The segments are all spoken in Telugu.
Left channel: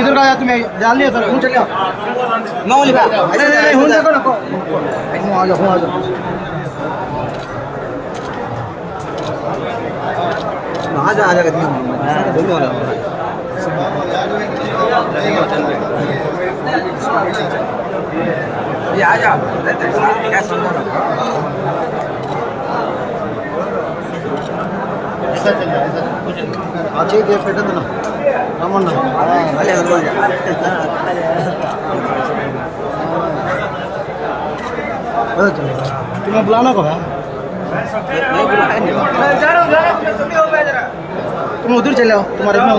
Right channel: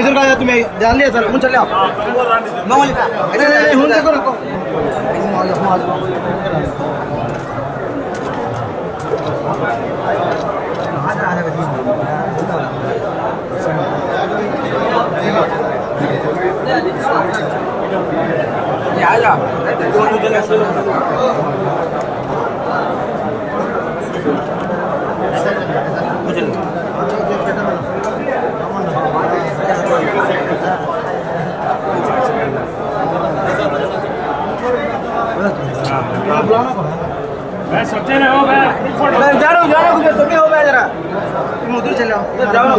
इधर का तुम्हें डाल लिया सर चले आओ ये आ जा क्या समझ बुलाना को है तुम उधर चले आओ तुम्हारे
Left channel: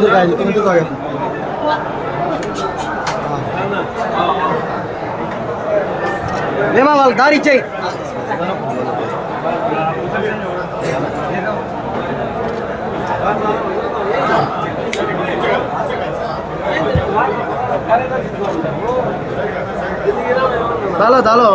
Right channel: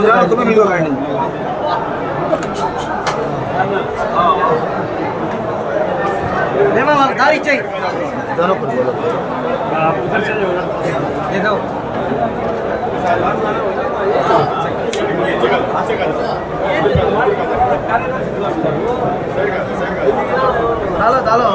उधर दारी चाहिए दोनों को बोलो डालो डालो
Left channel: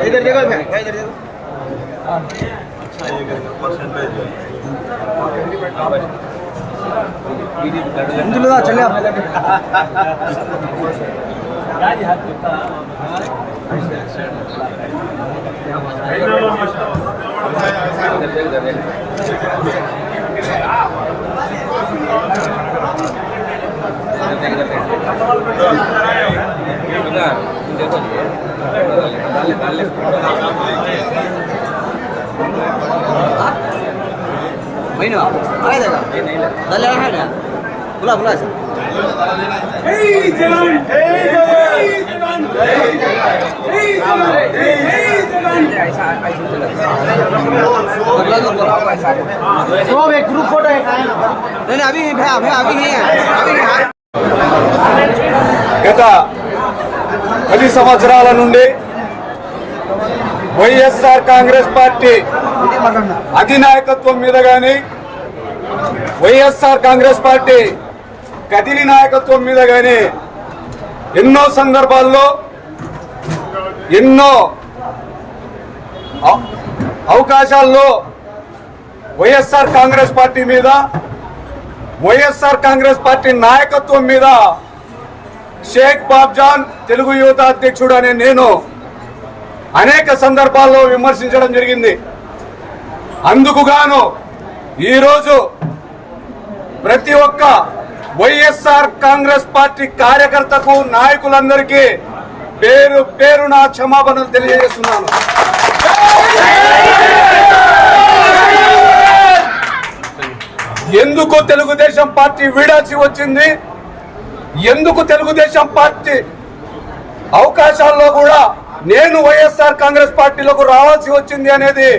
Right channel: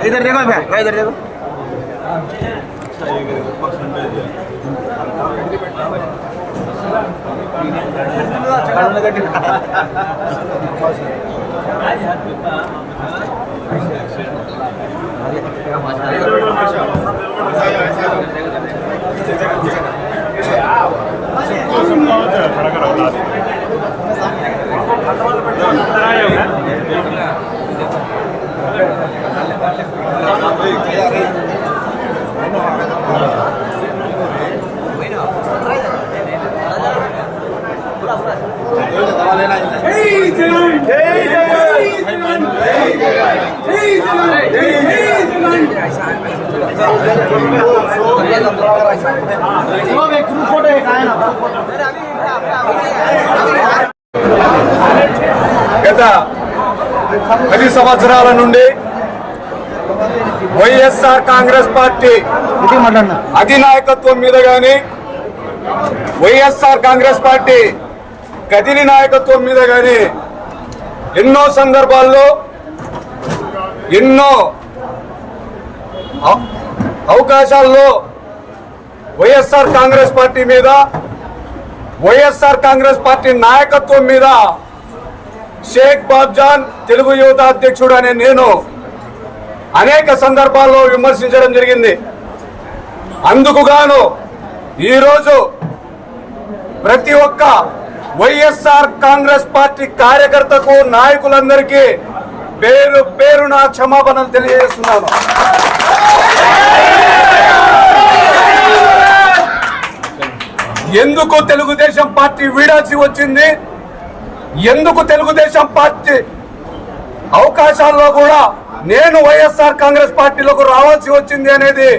इधर देखो मैं इधर देखो ग्रुप फोटो है గత 10 సంవత్సరాల నుండి వైఎస్ఆర్ కాంగ్రెస్ పార్టీ అధినాయకత్వం మీద గాని వైఎస్ఆర్ కాంగ్రెస్ పార్టీ కదిలి నాయకత్వం మీద గాని ఎన్నో సందర్భాల్లో ఎన్నో అవకాశాల్లో వైఎస్ఆర్ కాంగ్రెస్ పార్టీ మీద వైఎస్ఆర్ కాంగ్రెస్ పార్టీ నాయకత్వం మీద షేక్ బాబ్జాన్ తెలుగు యువత అధ్యక్షుడు అనే నేను అనేక సందర్భాల్లో విమర్శించడం జరిగింది. అందుకు గాను ఈరోజు ప్రతి ఒక్క వైఎస్ఆర్ కాంగ్రెస్ పార్టీ కార్యకర్తకు నాయకులందరికీ పేరు పేరున క్షమాపణలు తెలియజేస్తున్నాను. ఎందుకు తెలుగుదేశం పార్టీ వీడాల్సి వచ్చింది, ఎందుకు తెలుగుదేశం పార్టీ అవకాశాల్లో కూడా నేను వైఎస్ఆర్ కాంగ్రెస్ పార్టీలోకి రావాల్సి వచ్చింది అనేది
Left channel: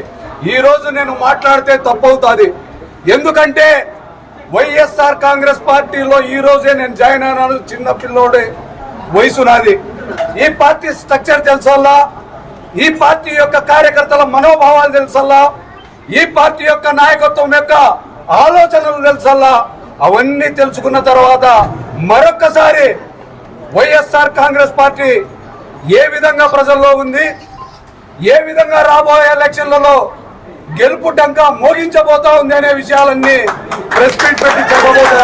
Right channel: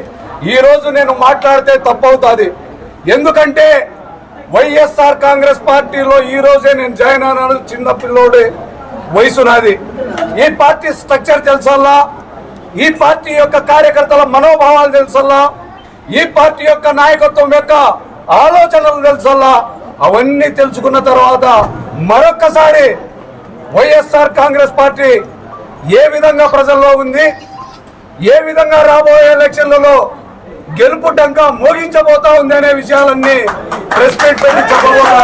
ఈ రోజు నేను మాట్లాడితే తప్పవుతుంది. ఎందుకంటే వైఎస్ఆర్ కాంగ్రెస్ పార్టీలో ఈ రోజే నేను జాయిన్ అయినాను. చిన్న పిల్లోడి వయసు నాది. ఈ పార్టీ స్ట్రక్చర్ తెలుసల్లా, ఈ పార్టీ యొక్క కార్యకర్తల మనోభావాలు తెలుసల్లా, ఈ పార్టీ యొక్క నాయకత్వం యొక్క ఆలోచనలు తెలుసల్లా. అవన్నీ తెలుసుకున్న తర్వాత మరొక్కసారి వైఎస్ఆర్ కాంగ్రెస్ పార్టీ ఏ విధంగా ప్రజల్లో ఉంది, ఏ విధంగా రాబోయే ఎలక్షన్లలో గెలుపు డంకా మోగించబోతా ఉంది అనే విషయాలన్నీ ప్రెస్ మీట్ పెట్టి చెప్పబోతా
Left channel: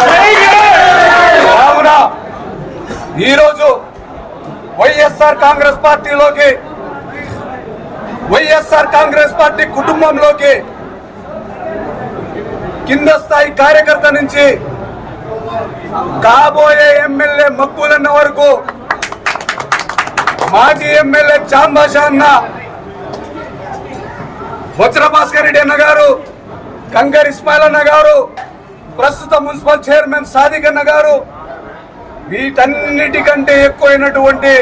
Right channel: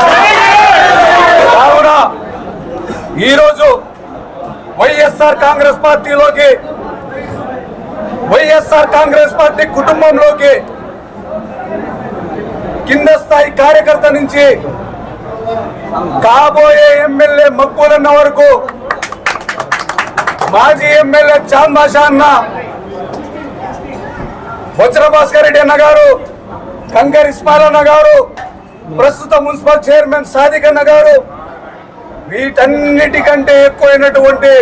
కావున ఈరోజు వైఎస్ఆర్ కాంగ్రెస్ పార్టీలోకి, వైఎస్ఆర్ కాంగ్రెస్ పార్టీ కుటుంబంలోకి కింద స్థాయి కార్యకర్త నుంచి కాబోయే ఎమ్మెల్యే మక్కులన్న వరకు, మాజీ ఎమ్మెల్యే చాంద్ బాషా అన్న, బొజ్ర భాస్కర్ రెడ్డి అన్న గారు, కంకర్ ఇస్మాయిల్ అన్న గారు, ప్రస్తుత మున్సిపల్ చైర్మన్ సాదిక్ అన్న గారు, వీటన్నిటికంటే ఎక్కువైనటువంటి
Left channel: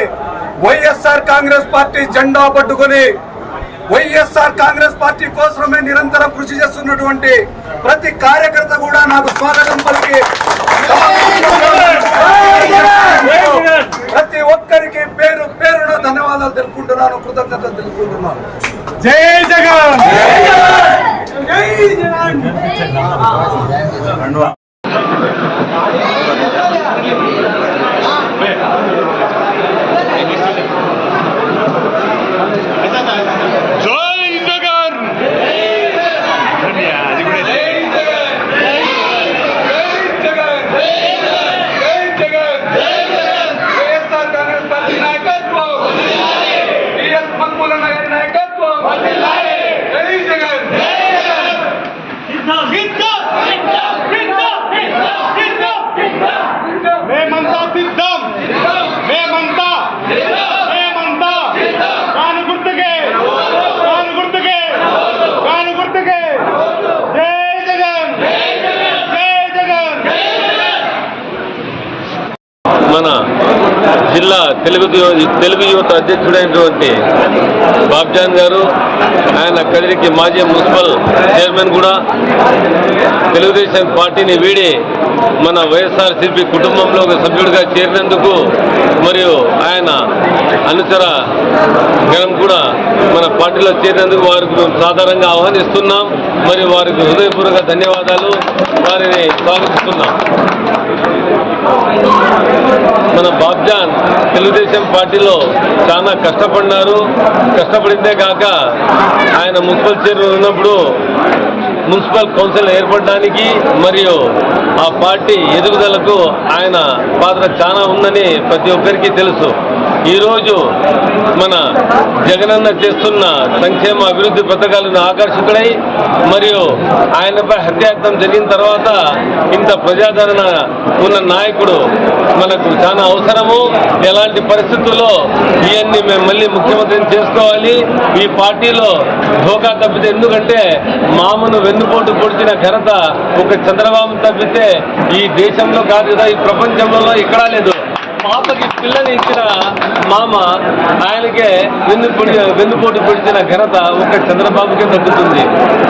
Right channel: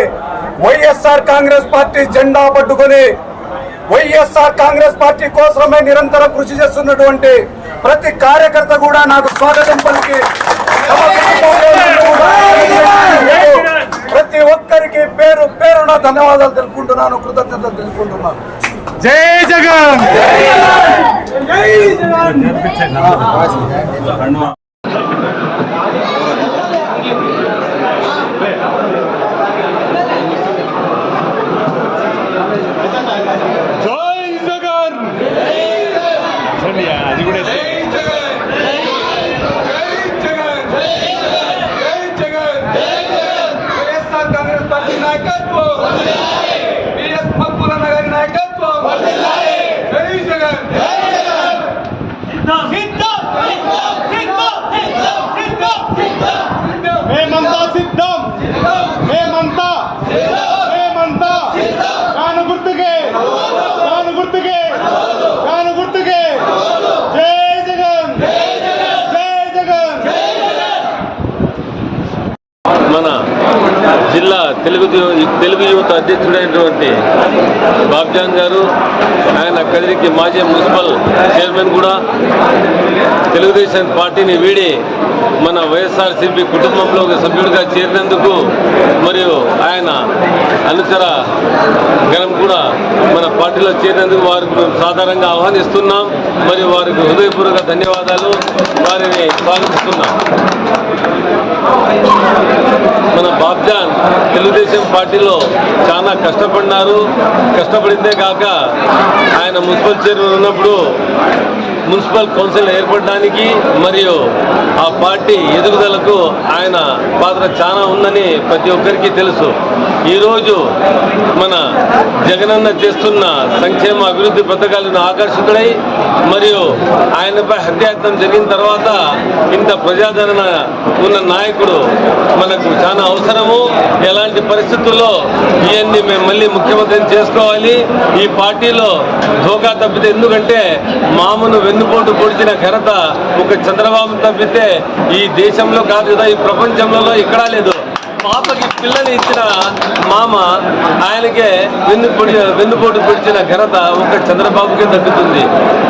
వైఎస్ఆర్ కాంగ్రెస్ పార్టీ జెండా పట్టుకుని వైఎస్ఆర్ కాంగ్రెస్ పార్టీ కోసమే నిరంతరం కృషి చేస్తున్నటువంటి ప్రతి కార్యకర్త కూడా నాకు స్వాగతం పలికి తమ కుటుంబంలో నన్ను కూడా ఆశీర్వదించినందుకు ప్రతి ఒక్కరికి పేరు పేరున ధన్యవాదాలు తెలుపుకుంటున్నాను, కృతజ్ఞతలు తెలుపుకుంటున్నాను. జై జగన్. మన జిల్లా తెలుగు యువత అధ్యక్షుడైనటువంటి బాబ్జాన్ గారు, ఆయన కదిరికి మాజీ మున్సిపల్ చైర్మన్ కూడా, తెలుగుదేశం పార్టీని వీడి మన వైఎస్ఆర్సీపీ కుటుంబంలో ఒక సభ్యుడిగా చేరినందుకు మరియు ఆయన అనుచర గణం కూడా మన పార్టీలో చేరినందుకు వారికి మేము సాధారణంగా ఆహ్వానిస్తున్నాం. మరియు వారికి హృదయపూర్వక ధన్యవాదాలు, వారిని స్వాగతిస్తున్నాం. మన బాబ్జాన్ తెలుగుదేశం పార్టీలో చాలా కష్టపడినారు. కష్టపడిందే కాక ఆయన మున్సిపల్ చైర్మన్ ఉన్నప్పుడు మున్సిపల్ కౌన్సిల్ ఏర్పడడానికి మరియు ఆ పార్టీ ఎదుగుదలకు ఆయన పాత్ర చాలా ఉందని ప్రతి ఒక్కరికి తెలుసు. ఈరోజు మన జగనన్న చేస్తున్న సంక్షేమ అభివృద్ధి పథకాలను ఆకర్షితుడై మరియు ఆయనపై హత్యాయత్నం జరిగిన తర్వాత ఇంత ప్రజాదరణ ఉన్న నాయకుడు మనకు చాలా అవసరము. ఎలాంటి పరిస్థితుల్లో ఇవన్నీ మేము మళ్ళీ ముఖ్యమంత్రిని చేసుకోవాలి. ఈ పార్టీలో ధోకా తప్పితే, ఎందుకంటే మామను వెన్నుపోటు పొడిచిన ఘనత ఒక చంద్రబాబు తప్పితే ఈ దేశంలో కాదు కదా, ఈ ప్రపంచంలో ఎక్కడా లేదు. పాపకి పిల్లని ఇచ్చిన మామ ఆయనకే వెన్నుపోటు పొడిచిన ఘనత ఒక చంద్రబాబుకే దక్కుతుంది.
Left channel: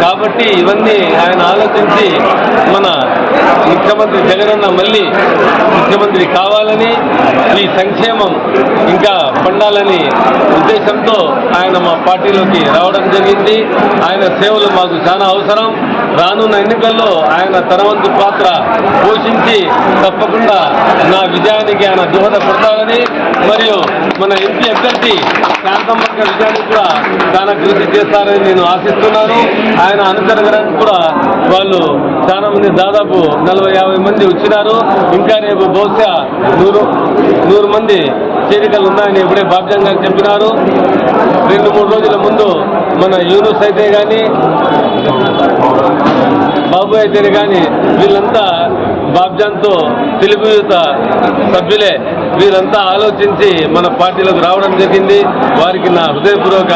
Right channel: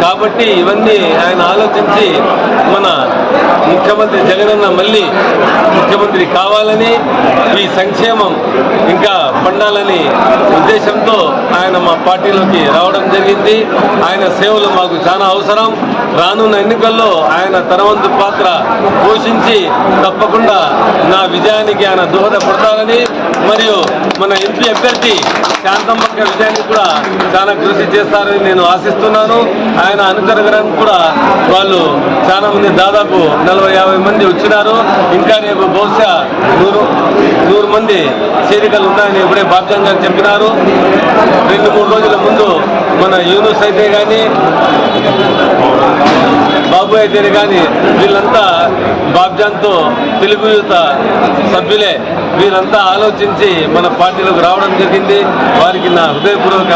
కాబట్టి ఇవన్నీ ఆయన ఆలోచించి మన ముఖ్యమంత్రి జగనన్న మళ్ళీ ముఖ్యమంత్రి కావాలని, ఈ సంక్షేమం ఇంకా పండాలని ఉద్దేశంతో ఆయన మా పార్టీలోకి రావడం జరిగింది. ఆయన సేవలు మాకు చాలా అవసరం. రానున్న ఎన్నికల్లో ఆయన తన వంతు పాత్ర పోషించి తప్పకుండా నా విజయానికి ఆయన దోహదపడతారని, మరియు మన ఎంపీ అభ్యర్థి శాంతమ్మక్క విజయానికి కూడా చాలా కృషి చేస్తారని నేను ఆశిస్తున్నాను. ఆయన అనుచరగడానికి కూడా వాళ్ళు చాలా మంది, దాదాపు 40-50 మంది వచ్చినారు. ఇంకా రేపు బహుశా 100 మంది చేరికలు ఉన్నాయని ఇప్పుడే బాబ్జాన్ గారు చెప్పినారు. 2-3 రోజుల ముందు మన యూనుస్ అయితే కానీ, బాబు అయితేనే కానీ వీళ్ళంతా బాబ్జాన్తో తెలుగు యువత సభ్యులే. వీరంతా ఆలోచించి మన పార్టీలోకి రావడం జరిగింది. వారికి నా హృదయపూర్వక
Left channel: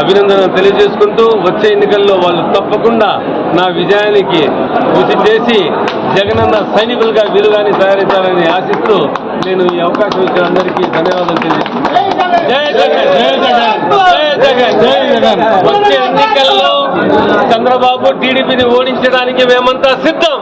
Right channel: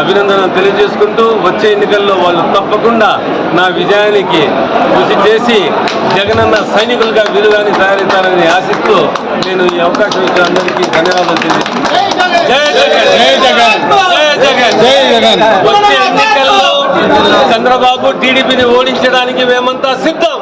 అభినందనలు తెలియజేసుకుంటూ వచ్చే ఎన్నికల్లో వాళ్ళు తప్పకుండా నా విజయానికి కృషి చేసి జగనన్న సైనికులుగా వీలుగాని తయారవుతారని ఆశిస్తూ నేను ఈ అవకాశం ఇచ్చిన అందరికీ ధన్యవాదాలు తెలియజేస్తున్నాను. జై జగన్, జై జగన్, జై జగన్, జై జగన్. వచ్చే ఎన్నికల్లో చంద్రబాబు టీడీపీని ఓడించడానికి మేమంతా సిద్ధం.